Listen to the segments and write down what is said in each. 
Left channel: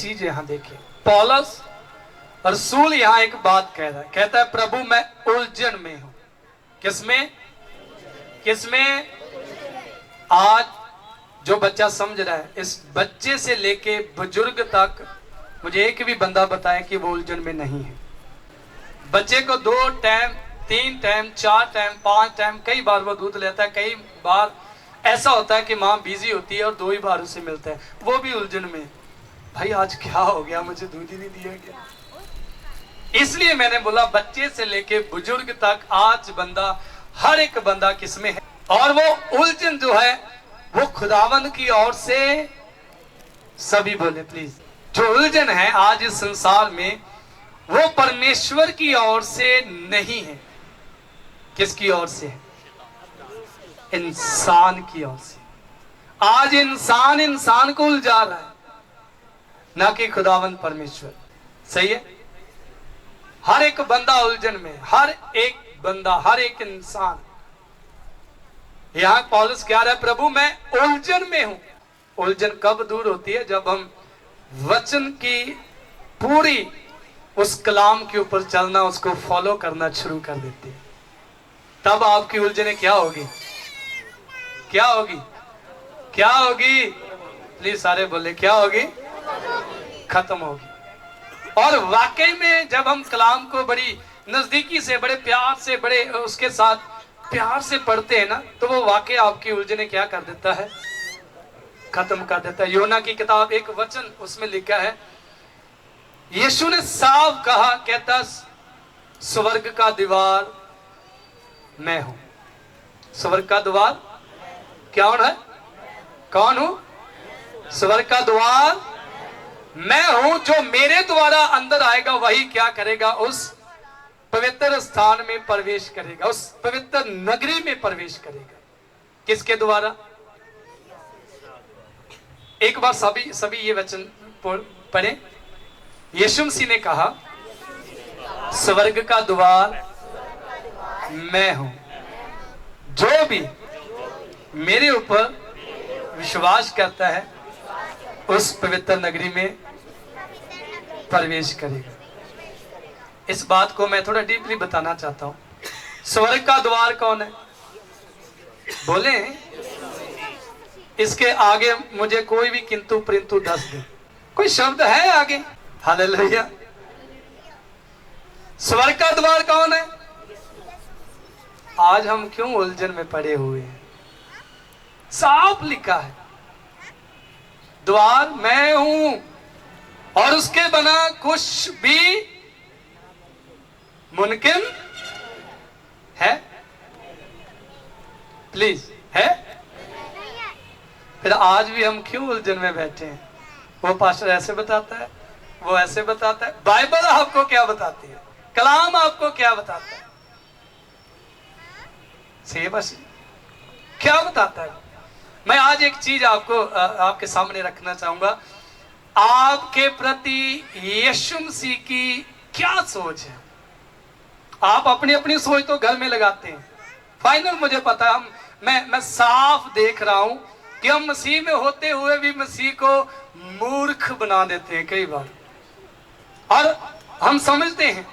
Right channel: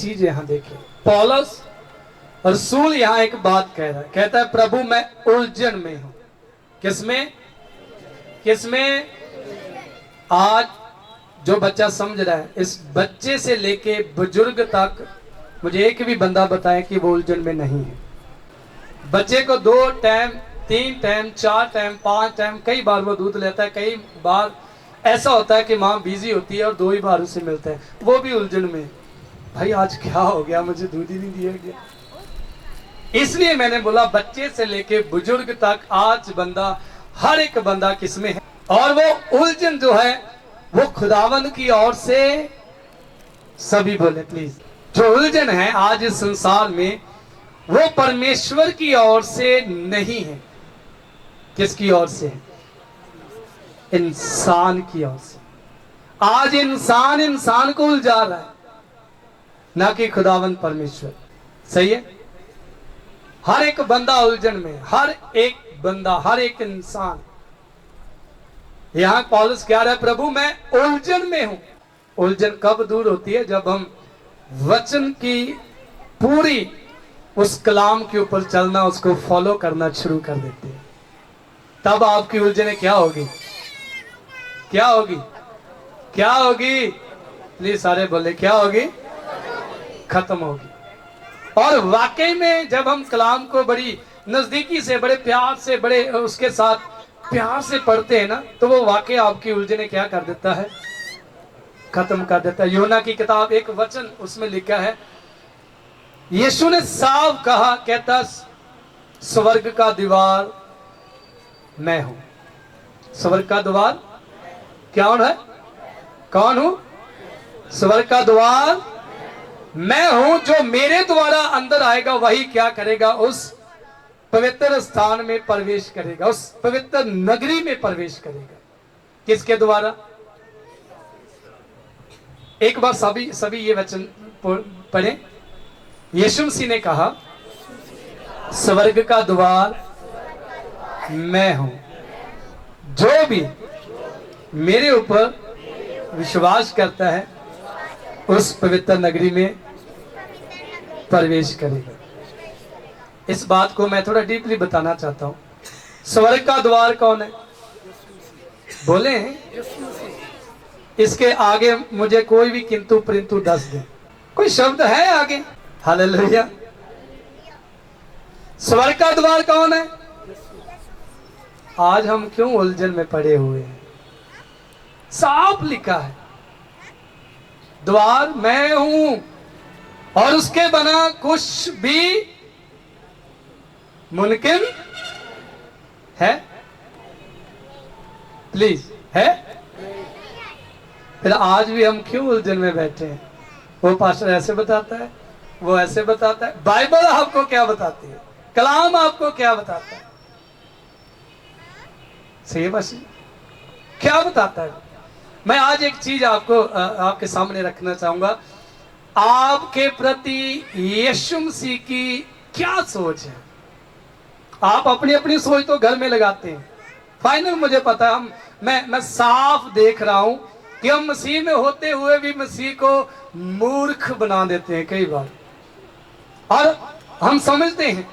चीज यहाँ देखिए, पौलुस रसूल यहाँ एक बात कह रहा है, कहता है प्रभु मैं उलझन में हूं। किसमें? किसमें? आज जो बच्चा समझ रहा है, इस बच्चे से लेके बुजुर्ग तक मुझे एक भी बंदा बताए कि वो उलझन में नहीं है। बच्चे को 2 टाइम 3 टाइम 4 टाइम 5 टाइम कई बार वो दूध लेता है, कई बार ऐसा होता है कि माँ बिजी होती है और 2 ही बार उसे मिलता है, वो भी उलझन में। भाई आज क्या हो गया, मुझे दूध ही नहीं दिया गया। इसलिए मैंने बोला बच्चे से लेके बुजुर्ग तक आज बंदा, हर एक बंदा किसमें है, और वो उलझन जो है वो खुदावंद की ओर से, सभी बोले प्लीज, जो उलझन है आज इस संसार में वो परमेश्वर की ओर से नहीं है। किसकी ओर से है? इंसान की ओर से। आज इंसान को उलझा रहा है, ना कि खुदावंद परमेश्वर। सही है? हर एक बंदा उलझन में, हर एक बंदा, हर एक इंसान। यहां पौलुस कह रहा है प्रभु मैं उलझन में हूं। उलझन कब दूर होती है? जब हम वचन की पूरी उस कलाम के ऊपर चलना, उसको फॉलो करना शुरू कर देते हैं, तब आपकी उलझनें क्या होगी? क्या होगी? क्या होगी? प्लीज सारे बोले, क्या होगी? खत्म होगी। और वाकई में जब हम कलाम को बड़ी नजदीकी से, बड़े प्यार से, बड़े उसके साथ प्यार से पढ़ते हैं ना, तो वो वाकई आपकी उलझनें क्या कर देता है? खत्म कर देता है। यूहन्ना की किताब एक वचन उसमें लिखा है, यीशु ने साफ कहा, कहता स्वर्ग का द्वार मैं हूं। स्वर्ग का द्वार कौन है? कौन हूं? स्वर्ग का द्वार मैं हूं। जो मेरे द्वारा अंदर आएगा वही क्या करेगा? उस पवित्र स्थान में प्रवेश करेगा, उस पवित्र नगरी में प्रवेश करेगा। किसके द्वारा? एक बार सभी ये वचन पढ़ें। यीशु मसीह ने कहा स्वर्ग का द्वार मैं हूं, जो भी मेरे ऊपर विश्वास करता है उस पवित्र नगरी में प्रवेश करेगा। इस बात को मैं थोड़ा डीपली बताना चाहता हूं। स्वर्ग का द्वार कौन है? बोले, इसके आगे मुझे कोई भी किंतु परंतु दस दे, कोई शब्द है आगे? हालेलुया। स्वर्ग का द्वार कौन है? आज हम क्यों उलझन में पड़े हुए हैं? साफ लिखा है द्वार मैं हूं, और उसके बिना कुछ भी मुमकिन है? प्लीज, है? फिर आज भी हम क्यों उलझन में बैठे हैं? वो पास्टर ऐसे बताता है, वो ऐसे बताता है। बाइबल आपको क्या बताती है? कलाम आपको क्या बताता है? सही बस क्या बताता है? मैं आज एक चीज आपको आपके सामने रखना चाहूंगा। आपके प्रति यीशु मसीह की क्या सोच है? आप अपनी अपनी सोच तो घर में लगाते हैं। फाइनल मुझे पता है, मैं साफ देख रहा हूं कि हम मसीह में होते हुए भी मसीह को मूर्ख बना देते हैं कई बार। और हम समझते हैं,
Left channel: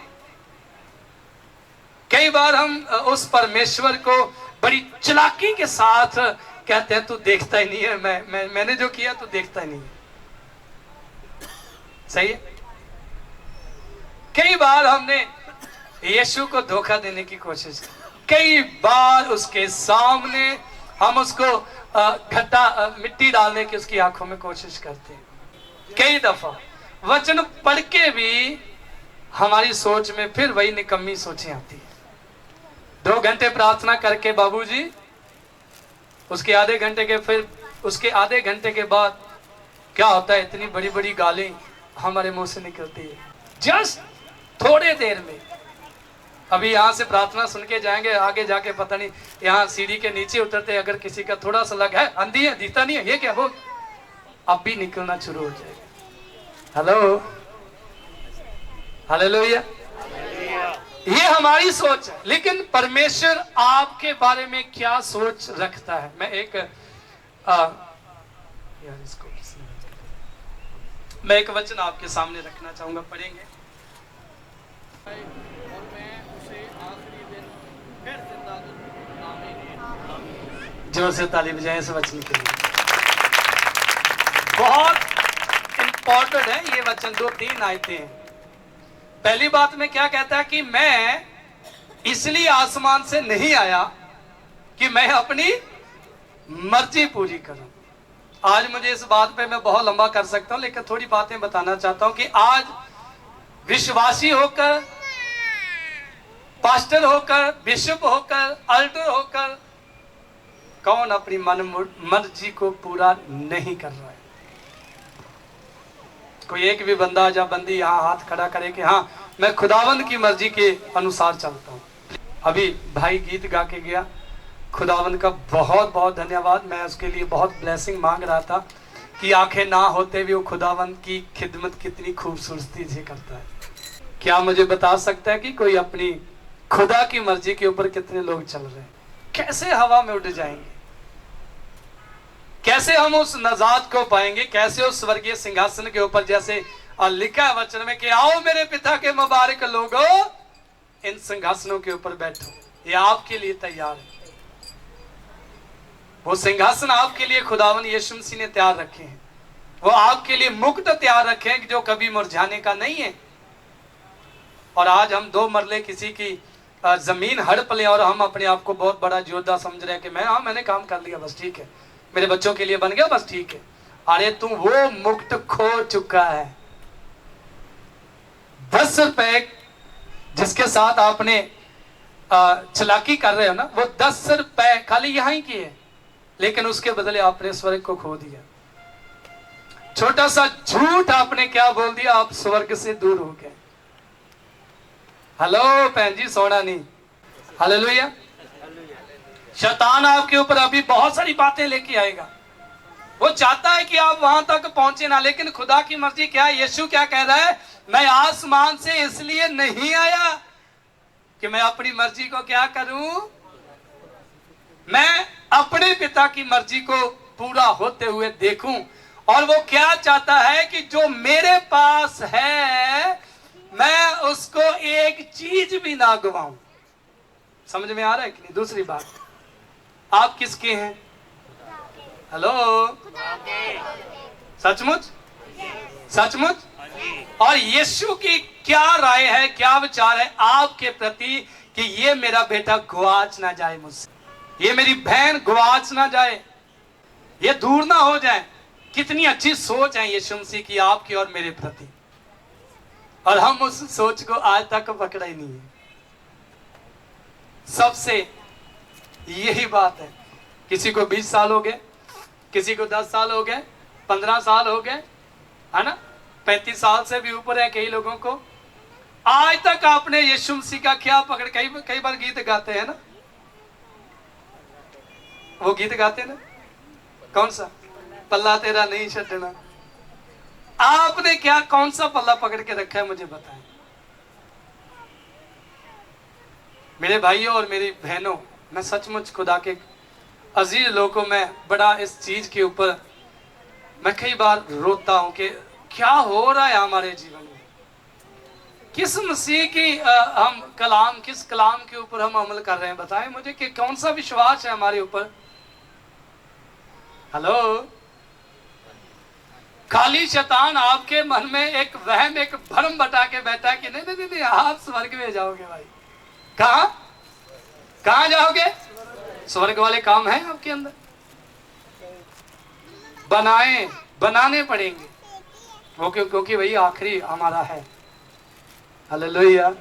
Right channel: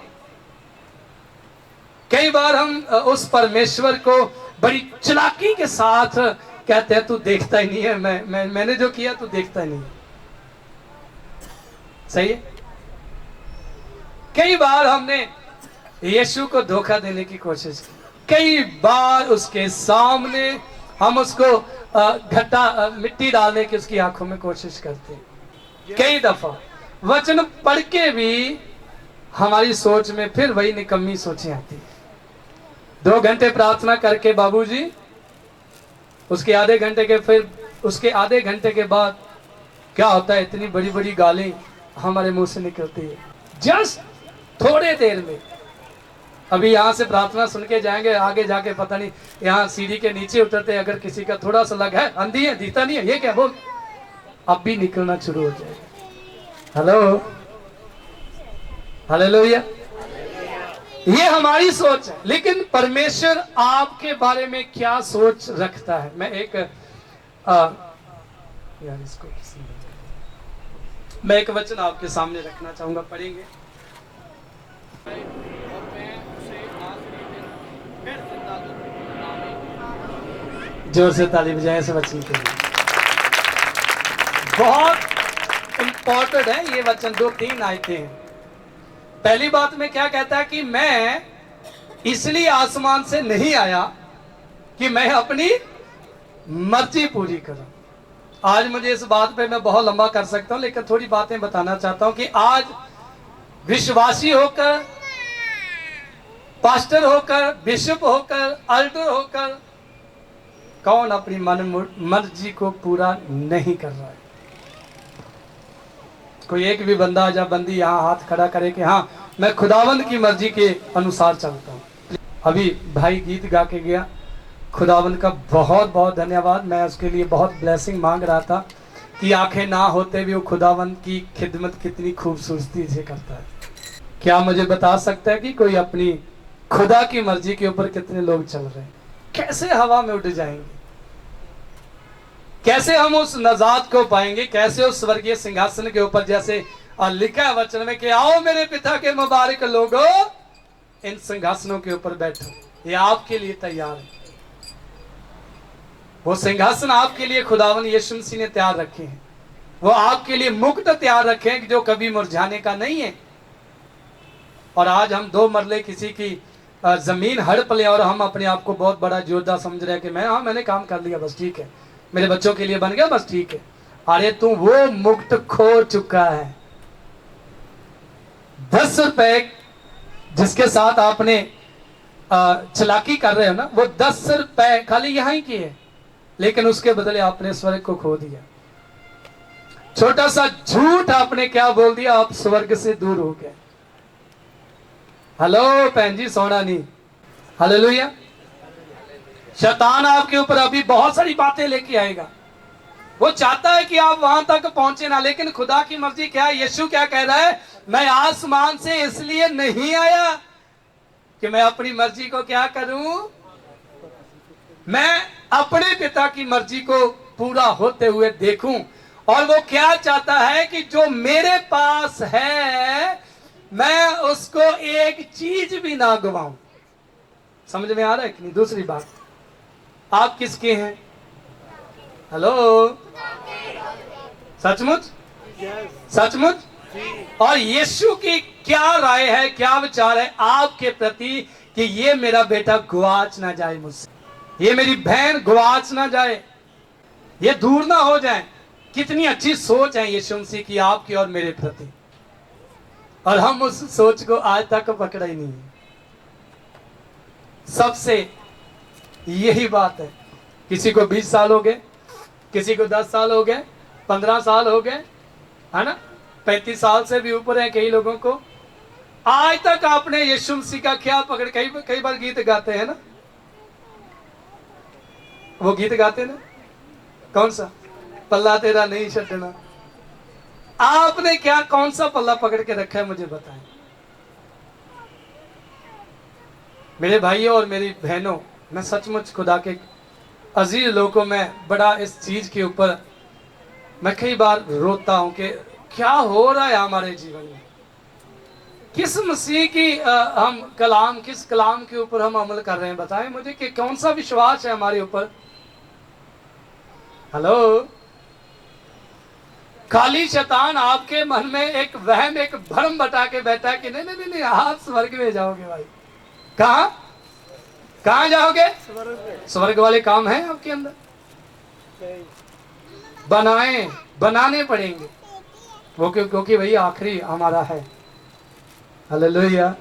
कई बार हम उस परमेश्वर को बड़ी चालाकी के साथ कहते हैं तू देखता ही नहीं है, मैंने जो किया तू देखता ही नहीं है। सही है? कई बार हमने यीशु को धोखा देने की कोशिश की, कई बार उसके सामने हम उसको घटा मिट्टी डालने की उसकी आंखों में कोशिश करते हैं। कई दफा वचन पढ़ के भी हमारी सोच में फिर वही निकम्मी सोचें आती है। 2 घंटे प्रार्थना करके बाबूजी, उसके आधे घंटे के बाद क्या होता है? इतनी बड़ी बड़ी गालें हमारे मुंह से निकलती है जस्ट थोड़े देर में। अभी यहाँ से प्रार्थना सुन के जाएंगे, आगे जाके पता नहीं, यहाँ सीढ़ी के नीचे उतरते अगर किसी का थोड़ा सा लग है, अंधी है, दिखता नहीं है, ये क्या बोल, अब भी निकलना शुरू हो जाएगा। Hello, hallelujah. ये हमारी सोच है, लेकिन परमेश्वर आपके बारे में क्या सोच रखता है? मैं एक यार इसको मैं एक वचन आपके सामने रखना चाहूंगा, पढ़ेंगे। जोर से ताली बजाएं इस वचन के लिए। बहुत इंपॉर्टेंट है ये वचन, 2-3 आयतें हैं। पहली बात में क्या कहता है कि मैं इसलिए आसमान से नहीं आया कि मैं अपनी मर्जी पूरी करूं। आज मुझे इस बात पे मैं बहुत लंबा कर सकता हूं, लेकिन थोड़ी बातें बताना चाहता हूं कि आज विश्वासी होकर, पास्टर होकर, बिशप होकर, अल्टर होकर कौन अपनी मर्जी को पूरा नहीं कर रहा है? कोई एक भी बंदा या बंदी यहाँ हाथ खड़ा करे कि हाँ मैं खुदावंद की मर्जी के अनुसार चलता हूँ। अभी भाई गीत गा के गया, खुदावंद का बहुत बहुत धन्यवाद। मैं उसके लिए बहुत ब्लेसिंग मांग रहा था कि आंखें ना होते भी वो खुदावंद की खिदमत कितनी खूबसूरती से करता है। क्या मुझे बता सकता है कि कोई अपनी खुदा की मर्जी के ऊपर कितने लोग चल रहे हैं? कैसे हवा में उड़ जाएंगे? कैसे हम उस नजात को पाएंगे? कैसे उस स्वर्गीय सिंहासन के ऊपर, जैसे लिखा है वचन में कि आओ मेरे पिता के मुबारक लोगों, इन सिंहासनों के ऊपर बैठो, ये आपके लिए तैयार है। वो सिंहासन आपके लिए खुदावन यीशु मसीह ने तैयार रखे हैं। वो आपके लिए मुकुट तैयार रखे हैं जो कभी मुरझाने का नहीं है। और आज हम 2 मरले किसी की जमीन हड़प ले और हम अपने आप को बहुत बड़ा योद्धा समझ रहे हैं कि मैंने काम कर लिया, बस ठीक है, मेरे बच्चों के लिए बन गया, बस ठीक है। अरे तू वो मुक्त खो चुका है। 10 रुपए जिसके साथ आपने चलाकी कर रहे हो ना, वो 10 रुपए खाली यहां ही की है, लेकिन उसके बदले आपने स्वर्ग को खो दिया। छोटा सा झूठ आपने क्या बोल दिया, आप स्वर्ग से दूर हो गए। हेलो भैन जी, सोना नहीं। हालेलुया। शैतान आपके ऊपर अभी बहुत सारी बातें लेके आएगा। वो चाहता है कि आप वहां तक पहुंचे ना, लेकिन खुदा की मर्जी क्या है? यीशु क्या कह रहा है? मैं आसमान से इसलिए नहीं आया कि मैं अपनी मर्जी को क्या करूं, मैं अपने पिता की मर्जी को पूरा होते हुए देखूं। और वो क्या चाहता है कि जो मेरे पास है मैं उसको एक चीज भी ना गवाऊं। समझ में आ रहा है कि नहीं? दूसरी बात, आप किसके हैं? हेलो, सचमुच सचमुच? और यीशु की क्या राय है, क्या विचार है आपके प्रति कि ये मेरा बेटा गुआच ना जाए मुझसे, ये मेरी बहन गुआच ना जाए, ये दूर ना हो जाए। कितनी अच्छी सोच है यीशु मसीह की आपकी और मेरे प्रति, और हम उस सोच को आज तक पकड़ा ही नहीं है। सबसे यही बात है। किसी को 20 साल हो गए, किसी को 10 साल हो गए, 15 साल हो गए, है ना, 35 साल से भी ऊपर है कई लोगों को। आज तक आपने यीशु मसीह का क्या पकड़, कई बार गीत गाते हैं ना, वो गीत गाते ना, कौन सा? पल्ला तेरा नहीं छटना। आपने क्या, कौन सा पल्ला पकड़ के रखा है, मुझे बताएं। मेरे भाइयों और मेरी बहनों, मैं सचमुच खुदा के अजीज लोगों में बड़ा इस चीज के ऊपर मैं कई बार रोता हूं कि क्या हो रहा है हमारे जीवन में। किस मसीह की हम कलाम, किस कलाम के ऊपर हम अमल कर रहे हैं? बताएं मुझे कि कौन सा विश्वास है हमारे ऊपर। हेलो, खाली शैतान आपके मन में एक वहम, एक भ्रम बता के बैठा है कि नहीं नहीं नहीं, आप स्वर्ग में जाओगे। भाई कहां कहां जाओगे? स्वर्ग वाले काम है आपके अंदर, बनाने पड़ेंगे वो, क्योंकि वही आखिरी हमारा है। हालेलुया।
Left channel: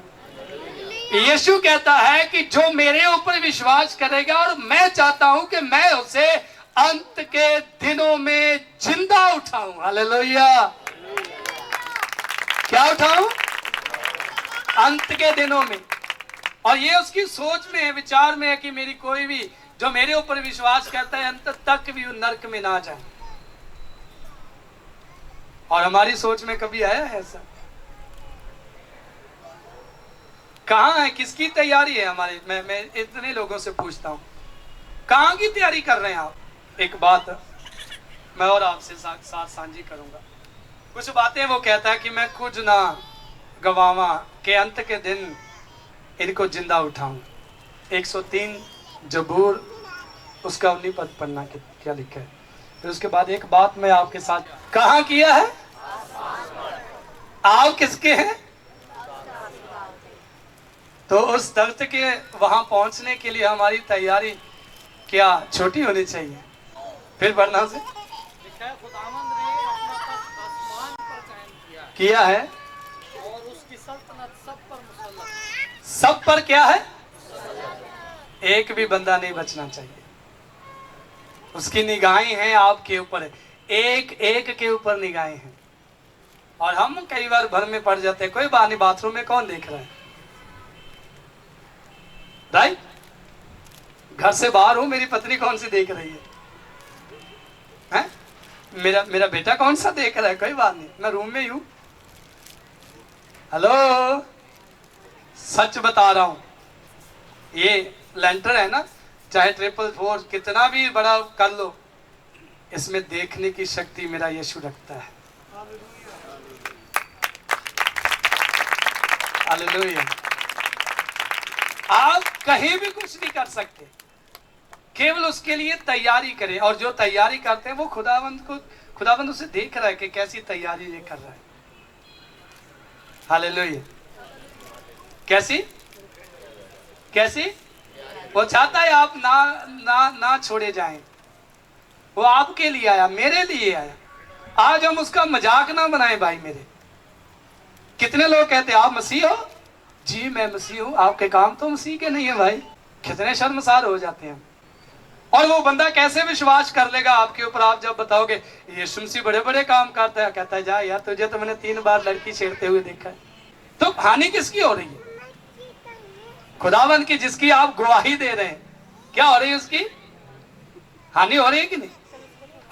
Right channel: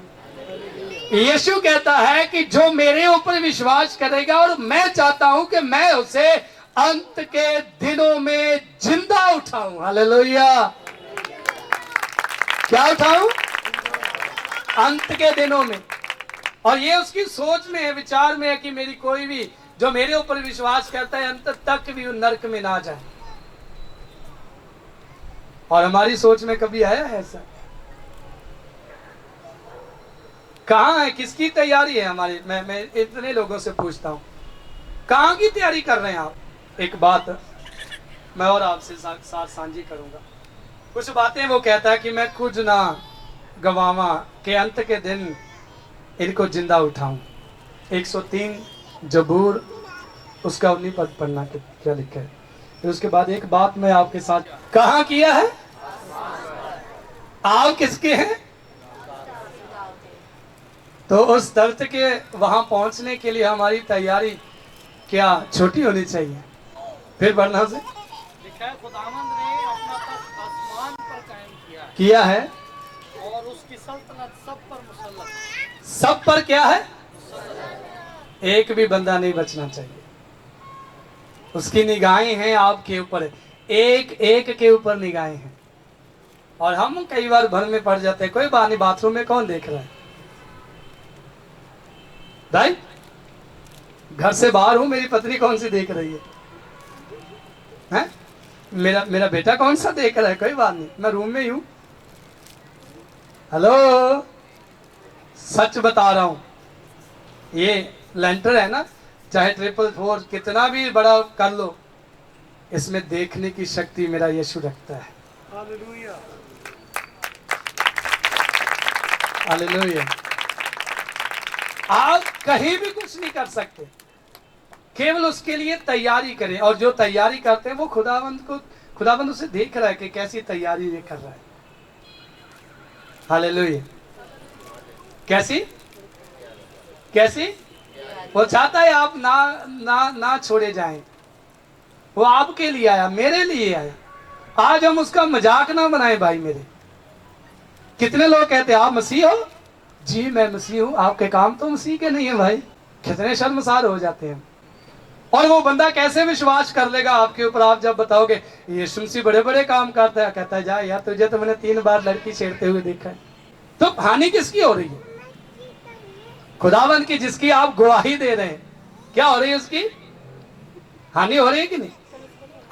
यीशु कहता है कि जो मेरे ऊपर विश्वास करेगा, और मैं चाहता हूं कि मैं उसे अंत के दिनों में जिंदा उठाऊं। हालेलुया। क्या उठाऊं? अंत के दिनों में। और ये उसकी सोच में है, विचार में है कि मेरी कोई भी जो मेरे ऊपर विश्वास करता है अंत तक भी नरक में ना जाए। और हमारी सोच में कभी आया है ऐसा? कहां है, किसकी तैयारी है हमारी? मैं इतने लोगों से पूछता हूं, कहां की तैयारी कर रहे हैं आप? एक बात मैं और आपसे साथ साझी करूंगा। कुछ बातें वो कहता है कि मैं कुछ ना गवावा के अंत के दिन इनको जिंदा उठाऊं। 103 जबूर उसका 19 पद पढ़ना क्या लिखा है। फिर उसके बाद एक बात मैं आपके साथ कहाँ किया है, आप किसके हैं। तो उस दर्द के वहां पहुंचने के लिए हमारी तैयारी क्या छोटी होनी चाहिए। फिर बढ़ना से लिखा है खुदावंद ने अपना तख्त आसमान पर कायम किया है और उसकी सल्तनत सब पर मुसल्लत। सब पर क्या है, एक भी बंदा नहीं बचना चाहिए। उसकी निगाहें हैं आपके ऊपर, एक एक के ऊपर निगाहें हैं। और हम कई बार भर में पड़ जाते हैं, कोई बात नहीं, बाथरूम में कौन देख रहा है, राइट। घर से बाहर हूं, मेरी पत्नी कौन सी देख रही है, हैं? मेरा बेटा कौन सा देख रहा है, कोई बात नहीं, मैं रूम में ही हूं। हेलो, सच बता रहा हूं, ये लेंटर है ना, चाहे 444 कितना भी बड़ा कर लो, इसमें देखने की शक्ति मेरा यीशु रखता है। हालेलुया। हालेलुया। आप कहीं भी कुछ नहीं कर सकते, केवल उसके लिए तैयारी करें। और जो तैयारी करते हैं वो खुदाबंद उसे देख रहा है कि कैसी तैयारी ये कर रहा है। हालेलुया। कैसी कैसी वो चाहता है आप ना छोड़े जाएं। वो आपके लिए आया, मेरे लिए आया। आज हम उसका मजाक ना बनाएं भाई मेरे। कितने लोग कहते हैं आप मसीह हो, जी मैं मसीह हूं, आपके काम तो मसीह के नहीं है भाई। कितने शर्मसार हो जाते हैं। और वो बंदा कैसे विश्वास कर लेगा आपके ऊपर, आप जब बताओगे यीशु मसीह बड़े बड़े काम करता है, कहता है जा यार, तुझे तो मैंने 3 बार लड़की छेड़ते हुए देखा है। तो हानि किसकी हो रही है, खुदावंद की, जिसकी आप गवाही दे रहे हैं। क्या हो रही है, उसकी हानि हो रही है कि नहीं।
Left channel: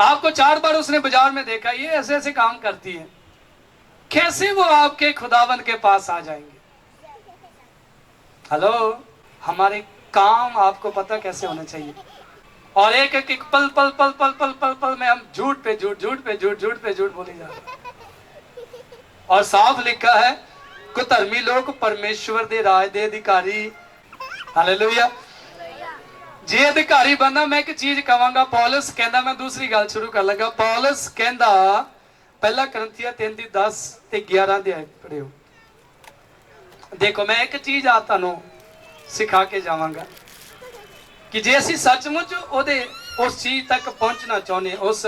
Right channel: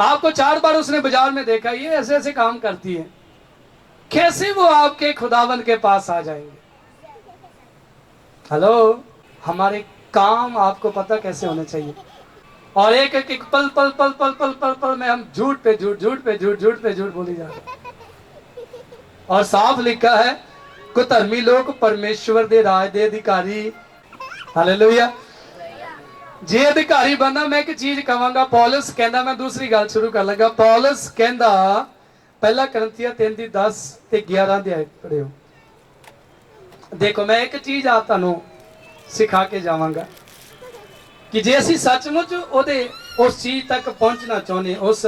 आपको 4 बार उसने बाजार में देखा, ये ऐसे ऐसे काम करती है, कैसे वो आपके खुदावंद के पास आ जाएंगे। हेलो, हमारे काम आपको पता कैसे होने चाहिए। और एक एक पल पल पल पल पल पल पल में हम झूठ पे झूठ, झूठ पे झूठ, झूठ पे झूठ बोली जा रहे। और साफ लिखा है कुधर्मी लोग परमेश्वर दे राज दे अधिकारी। हालेलुया। जे अधिकारी बनना। मैं एक चीज कहांगा, पौलुस कहना, मैं दूसरी गल शुरू कर लगा। पौलुस कहता 1 करंथिया 3:10 ते 11 अध्याय पढ़ियो। देखो मैं एक चीज आ तुहानू सिखा के जावांगा कि जे असीं सचमुच ओदे उस चीज तक पहुंचना चाहुंदे, उस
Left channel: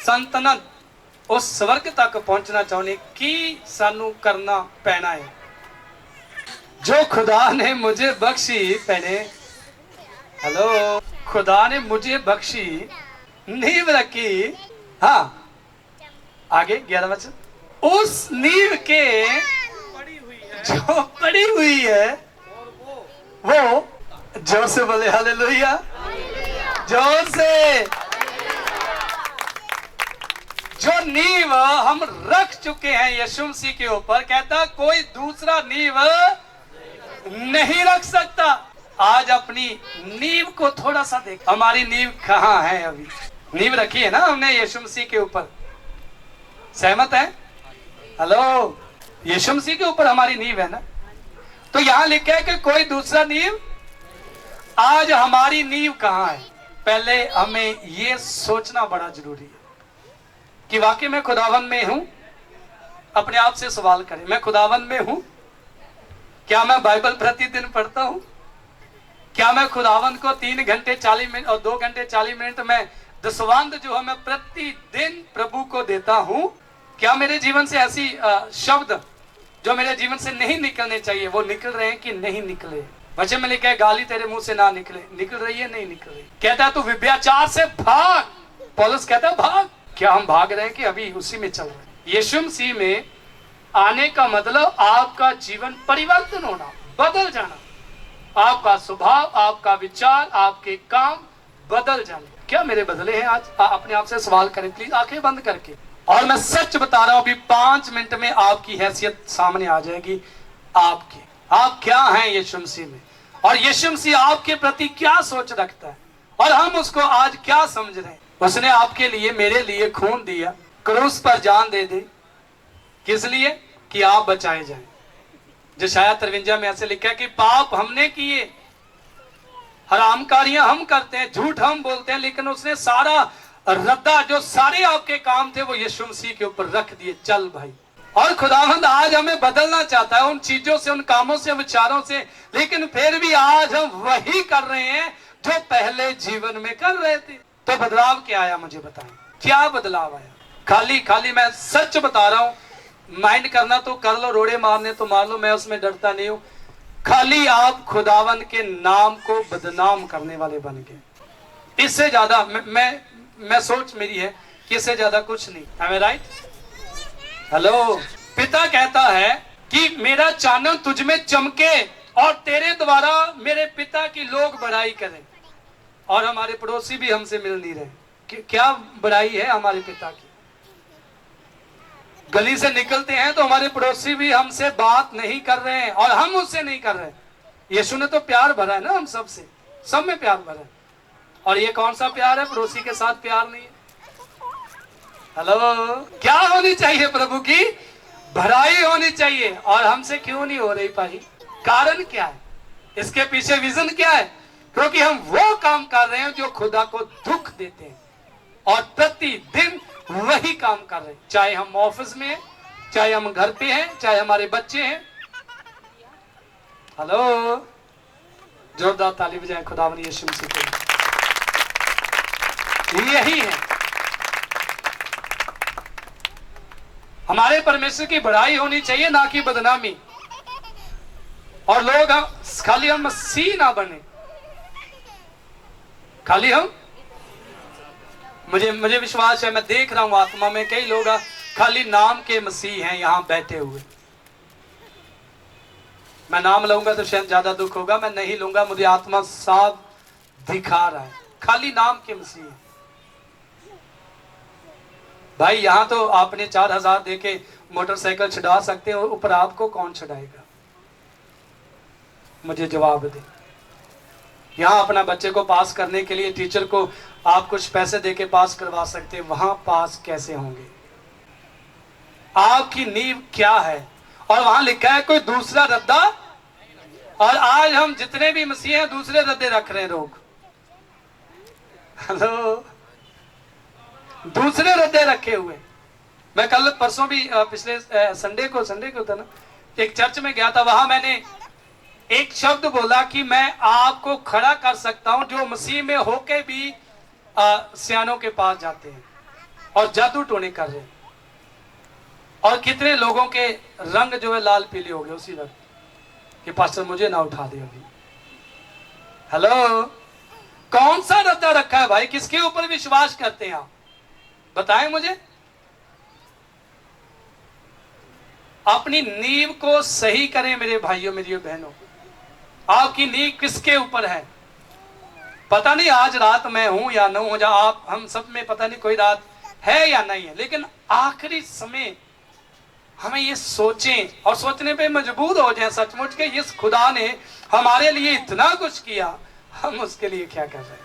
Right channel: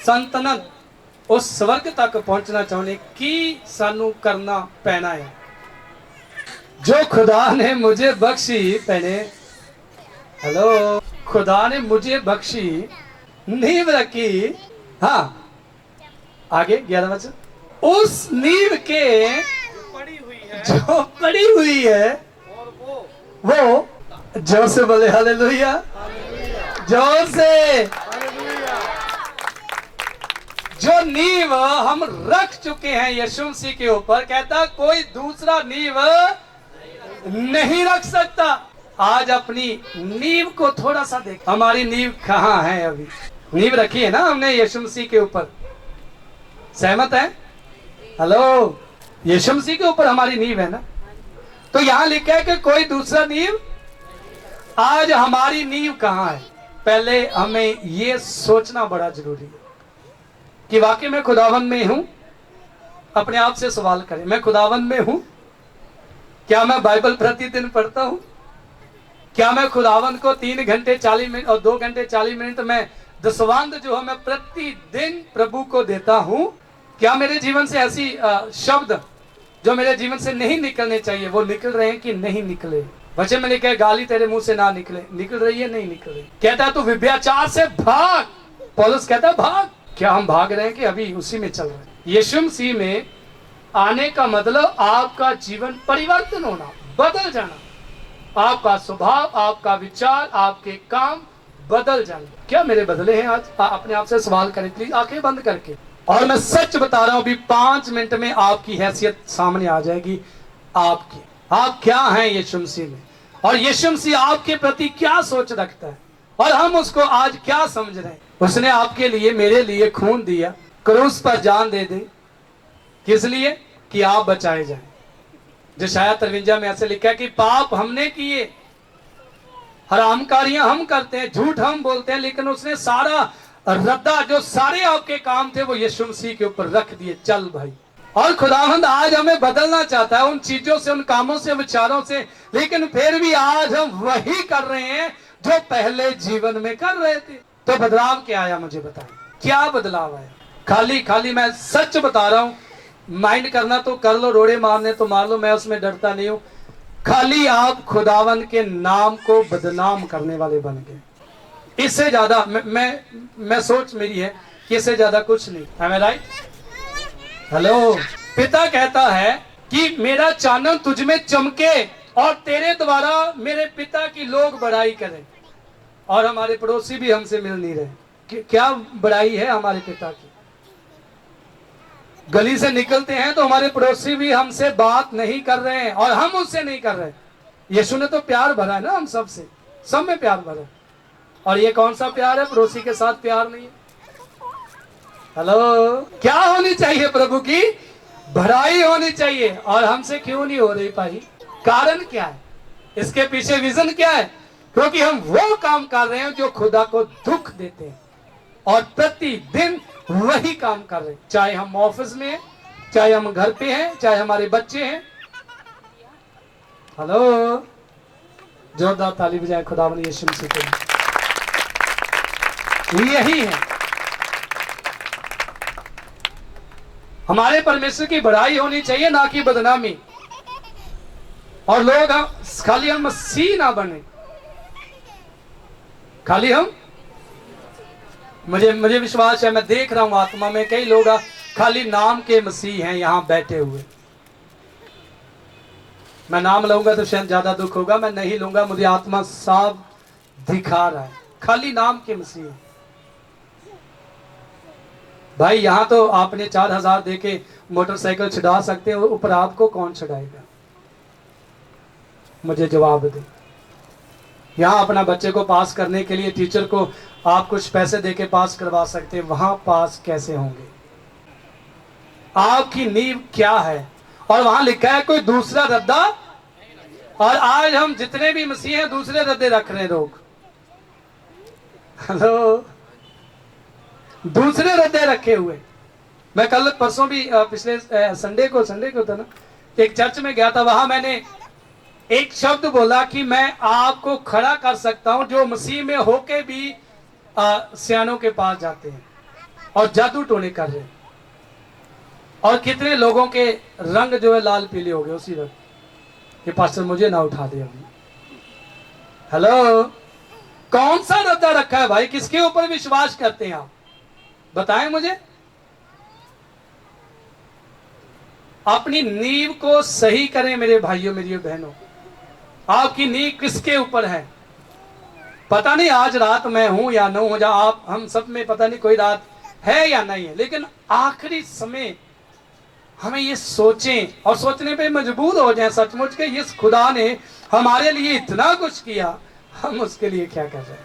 संतनत, उस स्वर्ग तक पहुंचना चाहुंदे, की सानू करना पैना है। जो खुदा ने मुझे बख्शी पहने, हेलो, खुदा ने मुझे बख्शी नींव रखी। हाँ आगे 11 वचन, उस नींव के पड़ी हुई है जो पड़ी हुई है, और वो जोर से बोले हालेलुया, जोर से। जो नींव हम रख चुके हैं यीशु मसीह के ऊपर, कहता कोई दूसरा नींव नहीं रख सकता। आज अपनी नींव को थोड़ा सा देख, हमारी नींव कहाँ है। अभी नींव रखी है ना हमने यीशु मसीह के ऊपर, सहमत है। हेलो, यीशु मसीह के ऊपर हमारी नींव है ना। तो यहां लिखा है कि कोई दूसरा नींव। आज हमारी नींव कहां है, पहले हमें यह सोचना बड़ा जरूरी है कि वाकई मैं खुदावंद में हूं। अपने आप से सवाल करें, मैं खुदावंद में हूं? क्या मैं बाइबल प्रतिदिन पढ़ता हूं? क्या मैं खुदावंद को 3 घंटे 40 मिनट और 2 घंटे 40 मिनट में दसवंध जो है मैं प्रतिदिन प्रभु को देता हूं? क्या मेरे जीवन से ऐसी शब्द जो मेरे जीवन से नहीं निकलने चाहिए वो निकल रहे हैं कि नहीं निकले? वचन में लिखा है गाली तेरे मुंह से ना निकले, निकल रही है नहीं निकल रही। कहता है तू व्यभिचार से भाग, पौलुस कहता है भाग। क्या हम भाग रहे हैं कि अभी उसी में चल रहे हैं? यीशु मसीह में आने का मतलब आपका जीवन परिवर्तन होना, बदल जाना, आपका स्वभाव, आपका विचार, आपके काम बदल जाने। क्या मेरे बदले हैं आज? अपने आप से सवाल करें प्लीज, आंखें बंद करके। और मैं सच बता रहा हूं, अभी 5 मिनट में आपकी हैसियत सामने आ जाएगी। आपकी, आप क्या हैं यीशु मसीह में, और यीशु मसीह आपके प्रति क्या सोच रखता है, और हम उसको आज क्या समझ रहे हैं। उसने आपके लिए, मेरे लिए खून दिया, क्रूस पर जान दे दी, किस लिए? कि आप बचाए जाएं। यशायाह 53 में ऐसे लिखा है कि पाप हमने किए, हरामकारियां हम करते हैं, झूठ हम बोलते हैं, लेकिन उसने सारा रद्दा जो सारे आपके काम थे वो यीशु मसीह के ऊपर रख दिए। चल भाई। और खुदावंद आज हमें बदलना चाहता है उन चीजों से, उन कामों से, विचारों से, लेकिन फिर भी आज हम वही कर रहे हैं जो पहले जीवन में कर रहे थे। तो बदलाव क्या आया? मुझे बताएं, क्या बदलाव आया? खाली मैं सच बता रहा हूं, माइंड करना तो कर लो, रोड़े मारने तो मार लो, मैं उसमें डरता नहीं हूं। खाली आप खुदावंद के नाम को बदनाम करने वाले बन गए। इससे ज्यादा मैं सोच मेरी है कि इससे ज्यादा कुछ नहीं। Am I right? हेलो। पिता कहता है कि मेरा चानन तुझ में चमके और तेरे द्वारा मेरे पिता की लोग बड़ाई करें। और हमारे पड़ोसी भी हमसे मिल नहीं रहे। क्या बड़ाई है हमारे पिता की? गली से निकलते हैं तो हमारे पड़ोसी भी हमसे बात नहीं कर रहे हैं और हम उससे नहीं कर रहे। यीशु ने तो प्यार भरा है ना हम सबसे, सब में प्यार भरा है। और ये कौन सा प्यार है? पड़ोसी के साथ प्यार नहीं है। हेलो। क्या होनी चाहिए? प्रभु की भराई होनी चाहिए। और हमसे क्यों नहीं हो रही भाई? कारण क्या है? इसके पीछे विजन क्या है? क्योंकि हम वो काम कर रहे हैं जो खुदा को दुख देते हैं और प्रतिदिन वही काम कर रहे हैं। चाहे हम ऑफिस में हैं, चाहे हम घर पे हैं, चाहे हमारे बच्चे हैं। हेलो। जोरदार ताली बजाएं खुदावंद यीशु मसीह के लिए। यही है हमारे परमेश्वर की बड़ाई होनी चाहिए, ना कि बदनामी। और लोग खाली हम मसीह ना बने, खाली हम, मुझे विश्वास है, मैं देख रहा हूं आत्मा में कई लोग खाली नाम के मसीह हैं यहां बैठे हुए। मैं नाम लूंगा तो शायद ज्यादा दुख होगा, मैं नहीं लूंगा, मुझे आत्मा साफ दिखा रहा है। खाली नाम के मसीह हैं भाई। यहां तो आपने 4000 देके मोटरसाइकिल छुड़ा सकते हैं, ऊपर आपको कौन छुड़ाएगा? मुझे जवाब दे। यहां अपना बच्चे को पास करने के लिए टीचर को आप कुछ पैसे देके पास करवा सकते हैं, वहां पास कैसे होंगे? आपकी नींव क्या है? और वहां लिखा है कोई दूसरा रद्दा। और आज हम जितने भी मसीह हैं दूसरे रद्दे रख रहे हैं लोग। हेलो। दूसरे रद्दे रखे हुए। मैं कल परसों भी पिछले संडे को था ना, एक चर्च में गया था। वहां मैंने एक शब्द बोला कि मैं आपको खड़ा कर सकता हूं जो मसीह में होके भी सियानों के पास जाते हैं और जादू टोने कर रहे हैं। और कितने लोगों के रंग जो है लाल पीले हो गए उसी वक्त कि पास्टर मुझे ना उठा दे अभी। हेलो। कौन सा रद्दा रखा है भाई? किसके ऊपर विश्वास करते हैं आप? बताएं मुझे। अपनी नींव को सही करें मेरे भाइयों, मेरी बहनों। आपकी नींव किसके ऊपर है? पता नहीं आज रात में हूं या न हूं, आप हम सब में पता नहीं कोई रात है या नहीं है, लेकिन आखिरी समय हमें ये सोचें और सोचने पे मजबूर हो जाएं सचमुच के इस खुदा ने हमारे लिए इतना कुछ किया, हम उसके लिए क्या कर रहे हैं?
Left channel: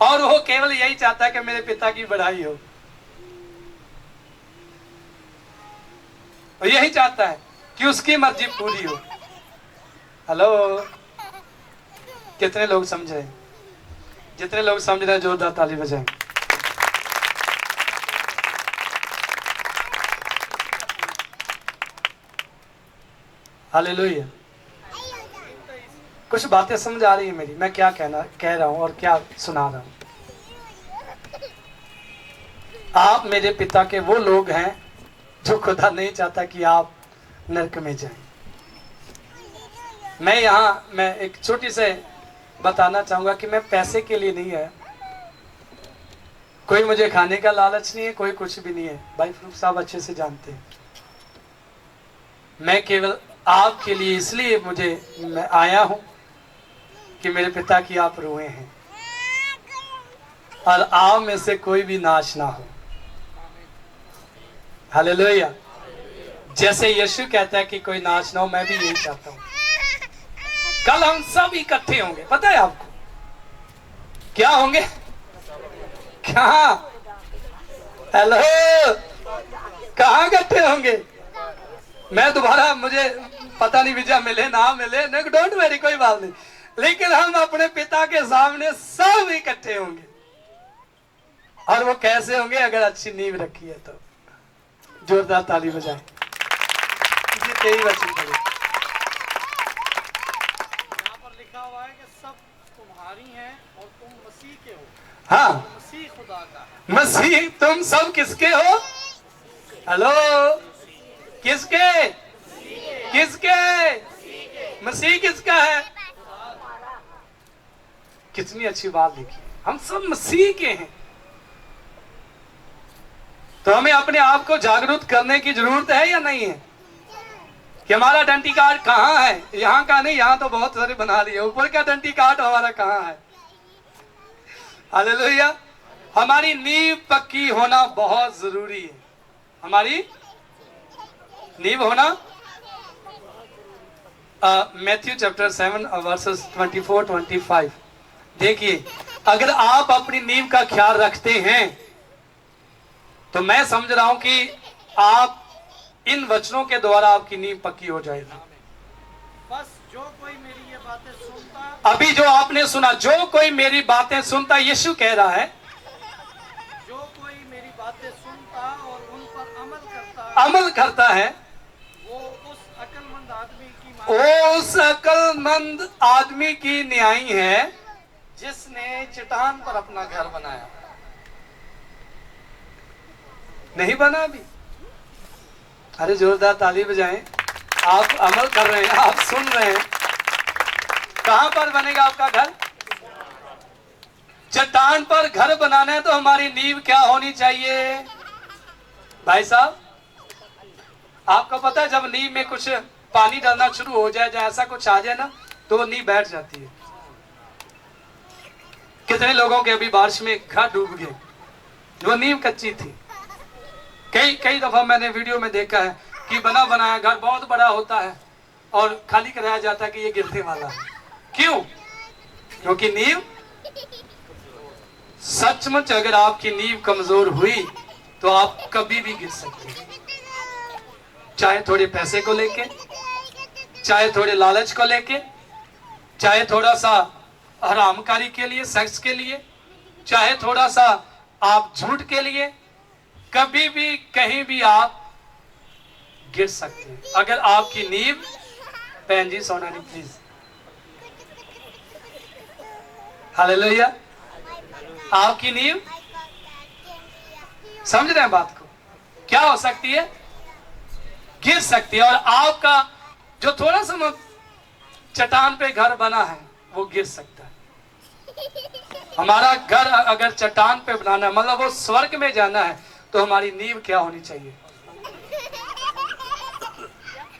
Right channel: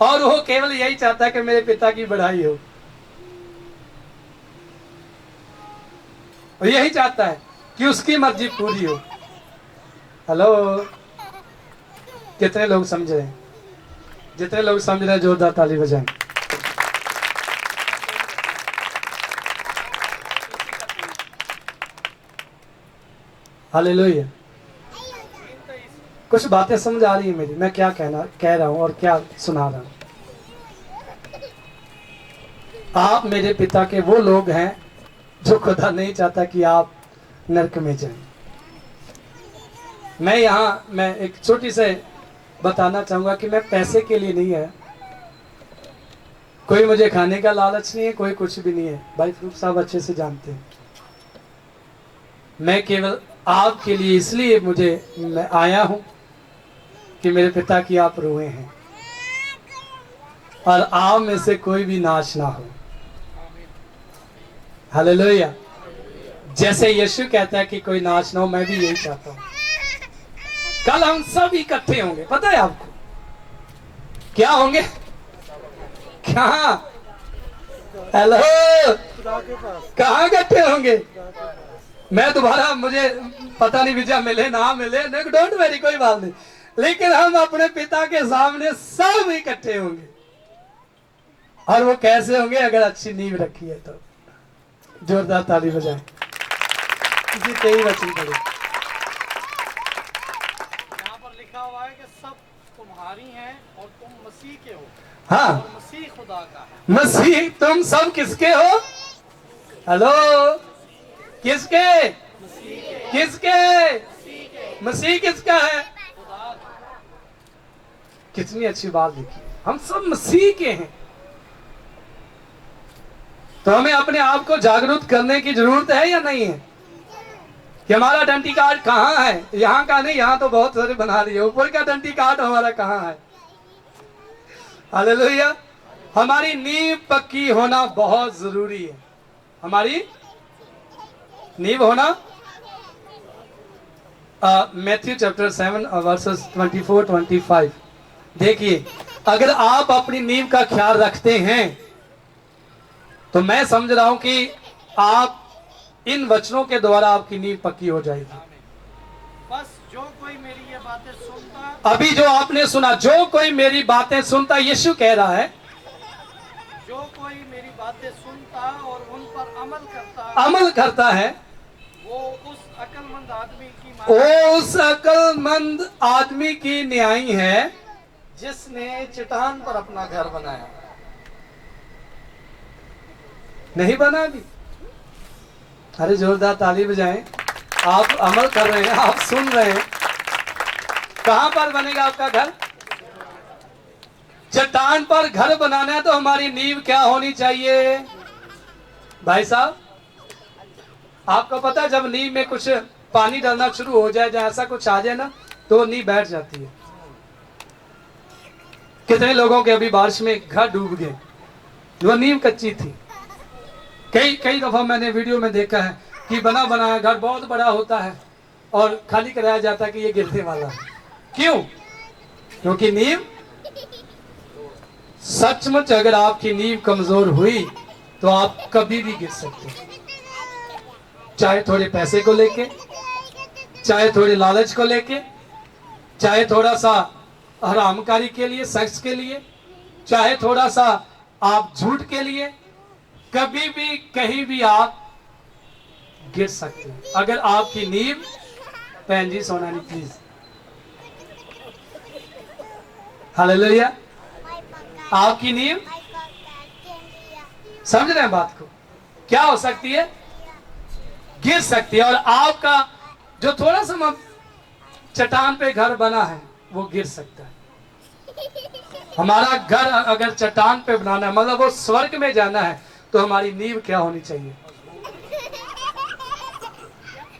और वो केवल यही चाहता है कि मेरे पिता की बढ़ाई हो, और यही चाहता है कि उसकी मर्जी पूरी हो। हेलो। कितने लोग समझ रहे हैं? जितने लोग समझ रहे हैं जोरदार ताली बजाएं। हालेलुया। कुछ बातें समझ आ रही है मेरी, मैं क्या कह रहा हूं और क्या सुना रहा हूं। आप मेरे पिता के वो लोग हैं जो खुदा नहीं चाहता कि आप नरक में जाएं। मैं एक छोटी से बताना चाहूंगा कि मैं पैसे के लिए नहीं है, कोई मुझे खाने का लालच नहीं है, कोई कुछ भी नहीं है। भाई फरूक साहब अच्छे से जानते हैं। मैं केवल आपके लिए इसलिए मैं आया हूं कि मेरे पिता की आप रूहें हैं और आप में से कोई भी नाश ना हो। हालेलुया। जैसे यीशु कहता है कि कोई नाश ना हो, मैं भी यही चाहता हूं। कल हम सब इकट्ठे होंगे, पता है आपको क्या होंगे? कहां? हेलो। कहां इकट्ठे होंगे? मैं दोबारा, मुझे पता नहीं वीजा मिले ना मिले, डोंट वेरी, कोई बात नहीं, लेकिन हम अपने पिता के सामने सब इकट्ठे होंगे। और वो कैसे होंगे? अगर अच्छी नींव रखी है तो। जोरदार ताली बजाएं। किसी कई वचन पढ़े। यहाँ पर लिखा हुआ है कि सब तुम्हारी हैं और तुम मसीह के हो। हाँ, और मसीह खुदा का है। मसीह, तुम सब किसके हो? हेलो, किसके? किसके? मसीह किसका है? कितनी अच्छी बात लिखी, हम सब मसीह के हैं। तो हमें अपने आप को जागरूक करने की जरूरत है या नहीं है कि हमारा आइडेंटिटी कार्ड कहाँ है? यहाँ का नहीं, यहाँ तो बहुत सारे बना दिए, ऊपर का आइडेंटिटी कार्ड हमारा कहाँ है? हालेलुया। हमारी नींव पक्की होना बहुत जरूरी है। हमारी नींव होना, मैथ्यू चैप्टर 7 वर्सेस 24-25 देखिए, अगर आप अपनी नींव का ख्याल रखते हैं तो मैं समझ रहा हूं कि आप इन वचनों के द्वारा आपकी नींव पक्की हो जाएगी। बस जो कोई मेरी ये बातें सुनता, अभी जो आपने सुना, जो कोई मेरी बातें सुनता, यीशु कह रहा है, जो कोई मेरी बातें सुनता और उन पर अमल करता है, वो उस अक्लमंद आदमी की न्यायी है जिसने चट्टान पर अपना घर बनाया। नहीं बना अभी? अरे जोरदार ताली बजाएं। आप अमल कर रहे हैं, आप सुन रहे हैं। कहां पर बनेगा आपका घर? चट्टान पर घर बनाना है तो हमारी नींव क्या होनी चाहिए भाई साहब? आपको पता है, जब नींव में कुछ पानी डालना शुरू हो जाए, जैसा कुछ आ जाए ना, तो नींव बैठ जाती है। कितने लोगों के अभी बारिश में घर डूब गए, वो नींव कच्ची थी। कई दफा मैंने वीडियो में देखा है कि बना बनाया घर बहुत बड़ा होता है और खाली कराया जाता है कि ये गिरने वाला है। क्यों? क्योंकि नींव, सचमुच अगर आपकी नींव कमजोर हुई तो आप कभी भी गिर सकते हैं। चाहे थोड़े पैसे को लेके, चाहे थोड़े लालच को लेके, चाहे थोड़ा सा हरामकारी के लिए, सेक्स के लिए, चाहे थोड़ा सा आप झूठ के लिए, कभी भी कहीं भी आप गिर सकते हैं अगर आपकी नींव, बहन जी सोना नहीं प्लीज, हालेलुया, आपकी नींव, समझ रहे हैं बात को, क्या हो सकती है? गिर सकती है। और आपका जो थोड़ा सा चट्टान पे घर बना है वो गिर सकता है। हमारा घर अगर चट्टान पे बनाना है, मतलब वो स्वर्ग में जाना है, तो हमारी नींव क्या होनी चाहिए?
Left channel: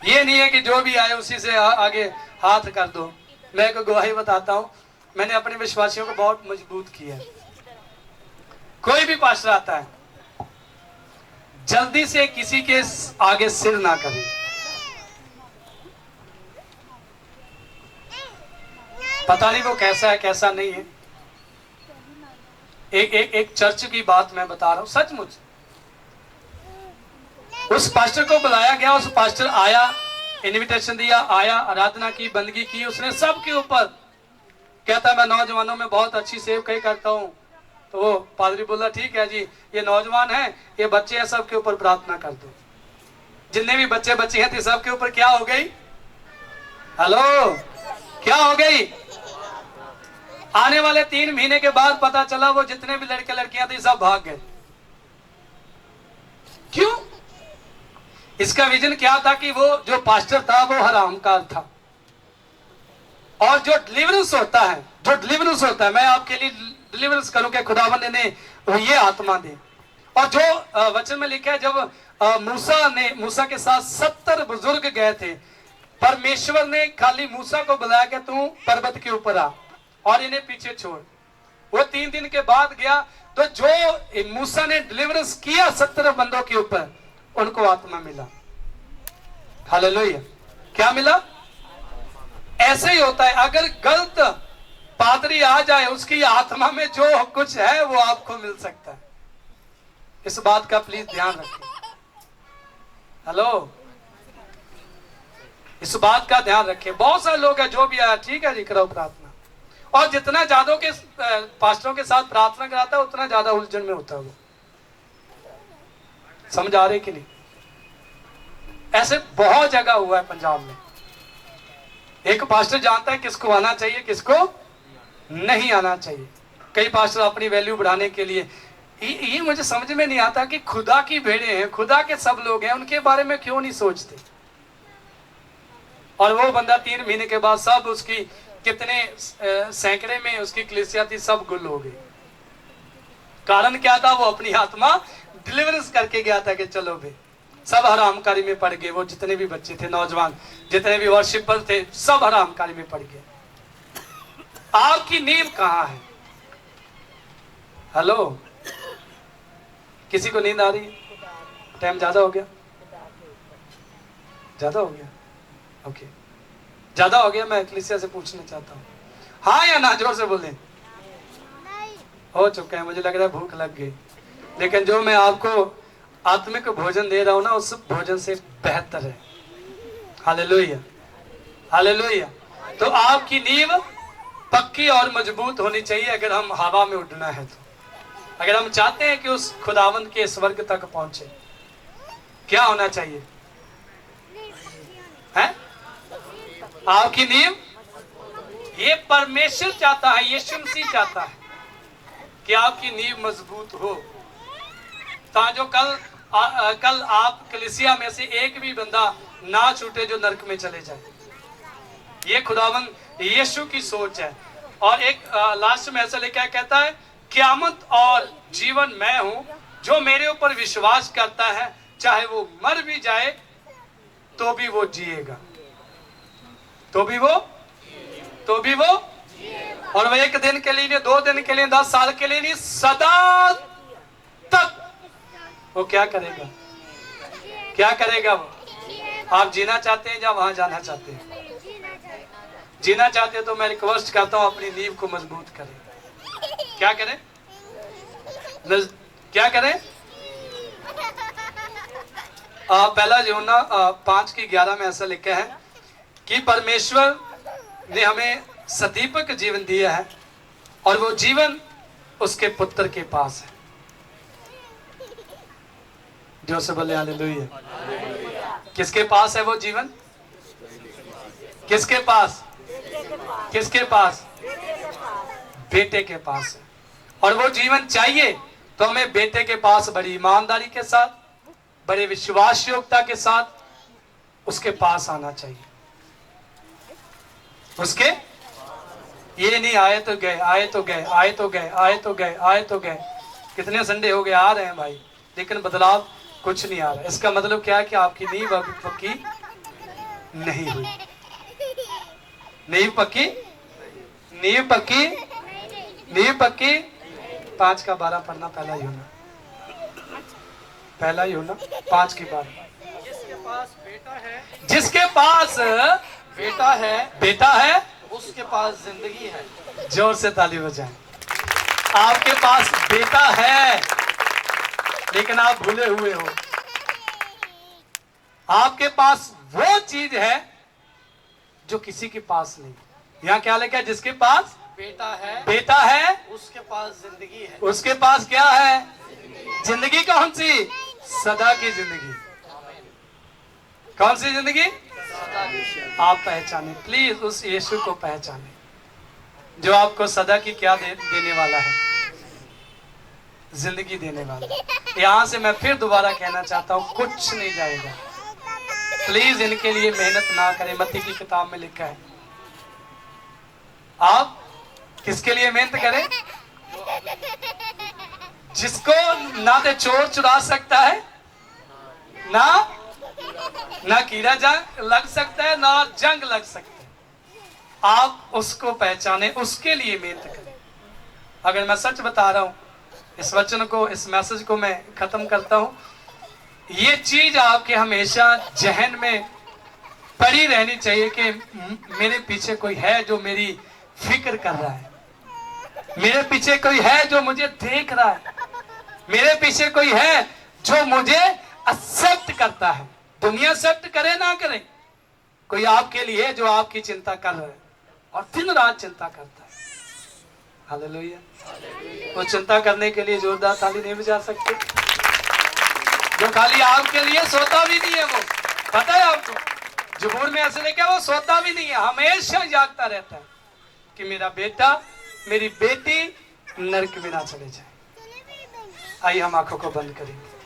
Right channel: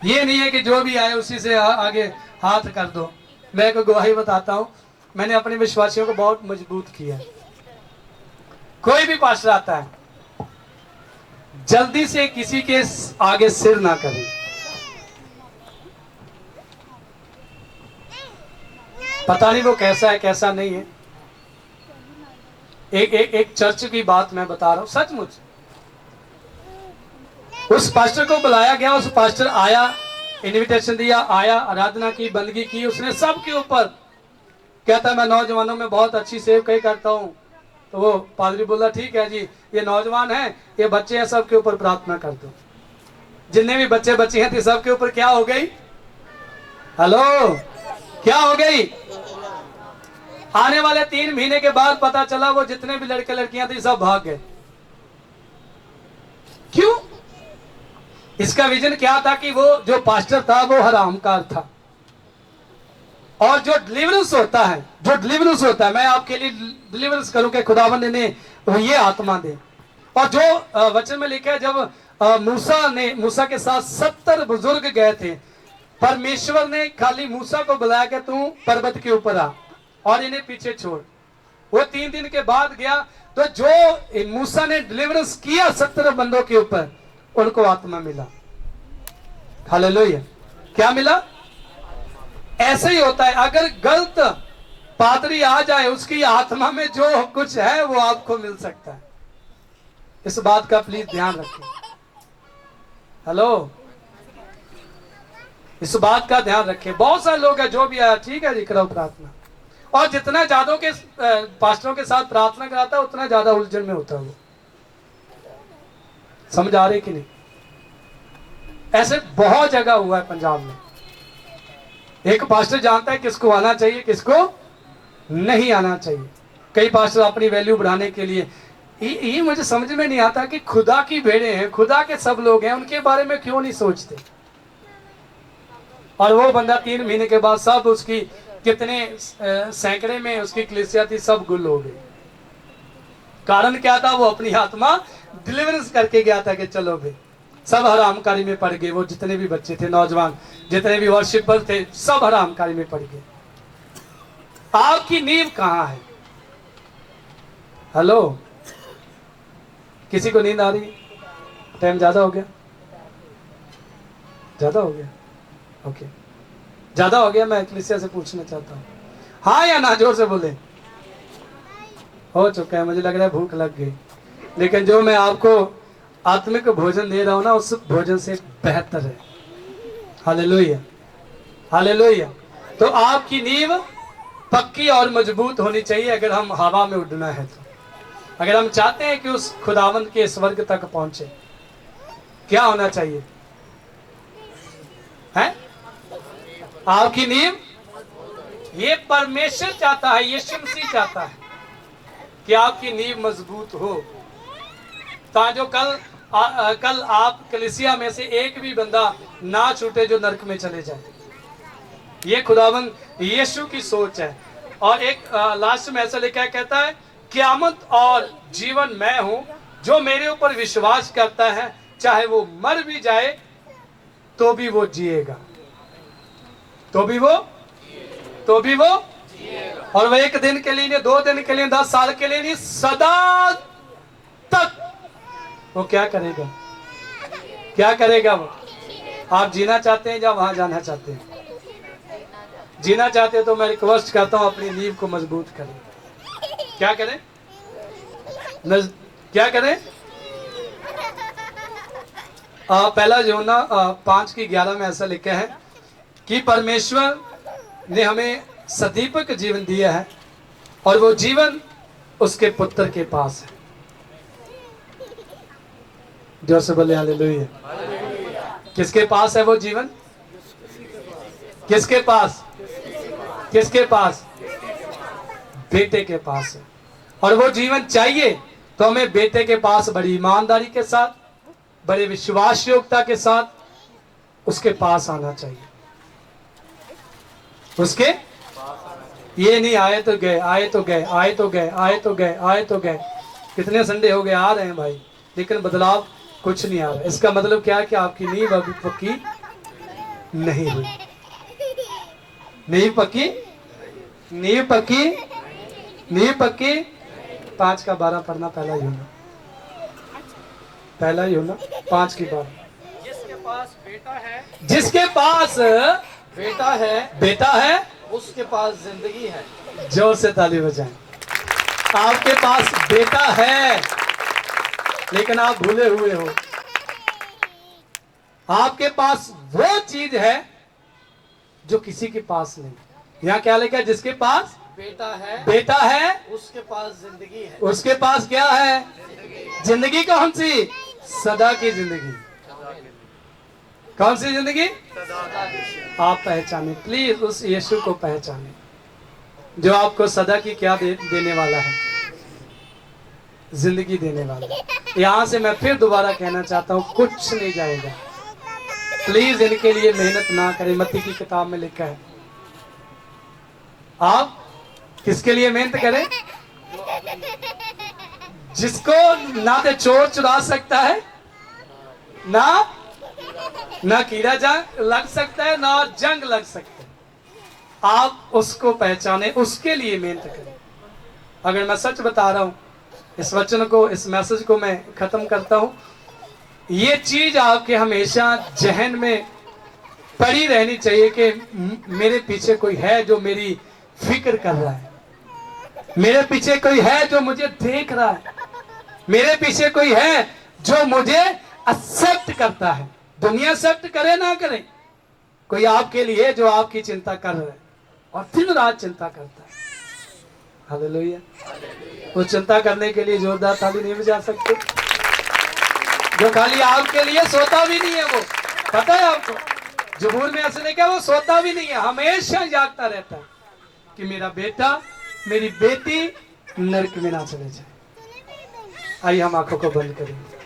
ये नहीं है कि जो भी आए उसी से आगे हाथ कर दो। मैं एक गवाही बताता हूं, मैंने अपने विश्वासियों को बहुत मजबूत किया। कोई भी पास्टर आता है, जल्दी से किसी के आगे सिर ना करें। पता नहीं वो कैसा है कैसा नहीं है। एक चर्च की बात मैं बता रहा हूं, सचमुच। उस पास्टर को बुलाया गया, उस पास्टर आया, इनविटेशन दिया, आया, आराधना की, बंदगी की, उसने सबके ऊपर कहता मैं नौजवानों में बहुत अच्छी सेवकाई करता हूं। तो वो पादरी बोला ठीक है जी, ये नौजवान है, ये बच्चे हैं, सबके ऊपर प्रार्थना कर दो। जितने भी बच्चे बच्चे हैं, सबके ऊपर क्या हो गई? हेलो, क्या हो गई? आने वाले 3 महीने के बाद पता चला वो जितने भी लड़के लड़कियां थी सब भाग गए। क्यों? इसका विजन क्या था कि वो जो पास्टर था वो हरामकार था। और जो डिलीवरेंस होता है, मैं आपके लिए डिलीवरेंस करूं कि खुदावंद ने ये आत्मा दे। और जो वचन में लिखा है, जब मूसा के साथ 70 बुजुर्ग गए थे, परमेश्वर ने खाली मूसा को बुलाया कि तू पर्वत के ऊपर आ और इन्हें पीछे छोड़। वो 3 दिन के बाद गया, तो जो मूसा ने डिलीवरेंस किया 70 बंदों के ऊपर, उनको आत्मा मिला। हालेलुया। क्या मिला? ऐसे ही होता है, अगर गलत पादरी आ जाए, उसकी आत्मा में जो कुछ है वो आपको मिल सकता है। इस बात का प्लीज ध्यान रखें। हेलो, इस बात का ध्यान रखें। बहुत सारे लोग हैं जो भी आया ठीक है जी करो प्रार्थना, और जितना ज्यादा के पास्टरों के साथ प्रार्थना कराता है उतना ज्यादा उलझन में होता है वो। समझ आ रही कि नहीं? ऐसे बहुत जगह हुआ है पंजाब में। एक पास्टर जानता है किसको आना चाहिए किसको नहीं आना चाहिए। कई पास्टर अपनी वैल्यू बढ़ाने के लिए, ये मुझे समझ में नहीं आता कि खुदा की भेड़े हैं, खुदा के सब लोग हैं, उनके बारे में क्यों नहीं सोचते। और वो बंदा 3 महीने के बाद सब उसकी कितने सैकड़े में उसकी कलीसिया थी सब गुल हो गई। कारण क्या था? वो अपनी आत्मा डिलीवरेंस करके गया था कि चलो भाई सब हरामकारी में पड़ गए। वो जितने भी बच्चे थे, नौजवान जितने भी वर्शिपर थे, सब हरामकारी में पड़ गए। आपकी नींव कहां है? हेलो, किसी को नींद आ रही है? टाइम ज्यादा हो गया? ज्यादा हो गया? ओके, ज्यादा हो गया। मैं कलीसिया से पूछना चाहता हूँ, हाँ या ना? जोर से बोले। हो चुका है, मुझे लग रहा है भूख लग गई। लेकिन जो मैं आपको आत्मिक भोजन दे रहा हूं ना, उस भोजन से बेहतर है। Hallelujah, hallelujah. तो आपकी नींव पक्की और मजबूत होनी चाहिए अगर हम हवा में उड़ना है तो। अगर हम चाहते हैं कि उस खुदावंद के स्वर्ग तक पहुंचे, क्या होना चाहिए? है आपकी नींव, ये परमेश्वर चाहता है, यीशु मसीह चाहता है कि आपकी नींव मजबूत हो, ताकि कल आप कलीसिया में से एक भी बंदा ना छूटे जो नरक में चले जाए। ये खुदावंद यीशु की सोच है। और एक लास्ट में ऐसा लिखा है, कहता है क़यामत और जीवन मैं हूं, जो मेरे ऊपर विश्वास करता है चाहे वो मर भी जाए तो भी वो जिएगा, तो भी वो और वो 1 दिन के लिए, 2 दिन के लिए, 10 साल के लिए नहीं, सदा तक वो क्या करेगा? क्या करेगा वो? आप जीना चाहते हैं या वहां जाना चाहते हैं? जीना चाहते हैं तो मैं रिक्वेस्ट करता हूं अपनी नींव को मजबूत करें। क्या करें? क्या करें? पहला यूहन्ना 5:11 में ऐसा लिखा है कि परमेश्वर ने हमें सदीपक जीवन दिया है और वो जीवन उसके पुत्र के पास है। जो से बोले हालेलुया। किसके पास है वो जीवन? किसके पास? किसके पास? बेटे के पास है। और वो जीवन चाहिए तो हमें बेटे के पास बड़ी ईमानदारी के साथ, बड़े विश्वास योग्यता के साथ उसके पास आना चाहिए। उसके ये नहीं आए तो गए, आए तो गए, आए तो गए, आए तो गए, आए तो गए। कितने संडे हो गए आ रहे हैं भाई, लेकिन बदलाव कुछ नहीं आ रहा। इसका मतलब क्या है कि आपकी नींव अभी पक्की नहीं हुई। नींव पक्की, नींव पक्की, नींव पक्की। 5:12 पढ़ना, पहला यूहन्ना 5:12। जिसके पास बेटा है, जिसके पास बेटा है उसके पास जिंदगी है। जोर से ताली बजाएं। आपके पास बेटा है लेकिन आप भूले हुए हो। आपके पास वो चीज है जो किसी के पास नहीं। यहाँ क्या लिखा है? जिसके पास बेटा है उसके पास जिंदगी है। उसके पास क्या है? जिंदगी। कौन सी? सदा की जिंदगी। कौन सी जिंदगी? आप पहचाने, प्लीज उस यीशु को पहचाने जो आपको सदा की क्या देने वाला है? जिंदगी देने वाला। यहां से मैं फिर दोबारा कहना चाहता हूं, कुछ नहीं जाएगा। प्लीज इनके लिए मेहनत ना करें। मत्ती की किताब में लिखा है। आप किसके लिए मेहनत करें? जिसको ना तो चोर चुरा सकता है, ना कीड़ा लग सकता है, ना जंग लग सकता है। आप उसको पहचाने, उसके लिए मेहनत करें। अगर मैं सच बता रहा हूं, इस वचन को, इस मैसेज को मैं खत्म करता हूं। ये चीज आपके हमेशा जहन में पड़ी रहनी चाहिए कि मेरे पीछे कोई है जो मेरी फिक्र कर रहा है, मेरे पीछे कोई है जो मुझे देख रहा है, मेरे पीछे कोई है जो मुझे एक्सेप्ट करता है। दुनिया एक्सेप्ट करे ना करे, कोई आपके लिए जो आपकी चिंता कर रहा है और दिन रात चिंता करता है। हालेलुया। वो चिंता करने के लिए जोरदार ताली नहीं बजा सकते? जो खाली आपके लिए सोता भी नहीं है, वो पता है आपको, जबूर में ऐसे लिखा है वो सोता भी नहीं है, हमेशा जागता रहता है कि मेरा बेटा मेरी बेटी नरक में ना चले जाए। आइए हम आंखों को बंद करेंगे।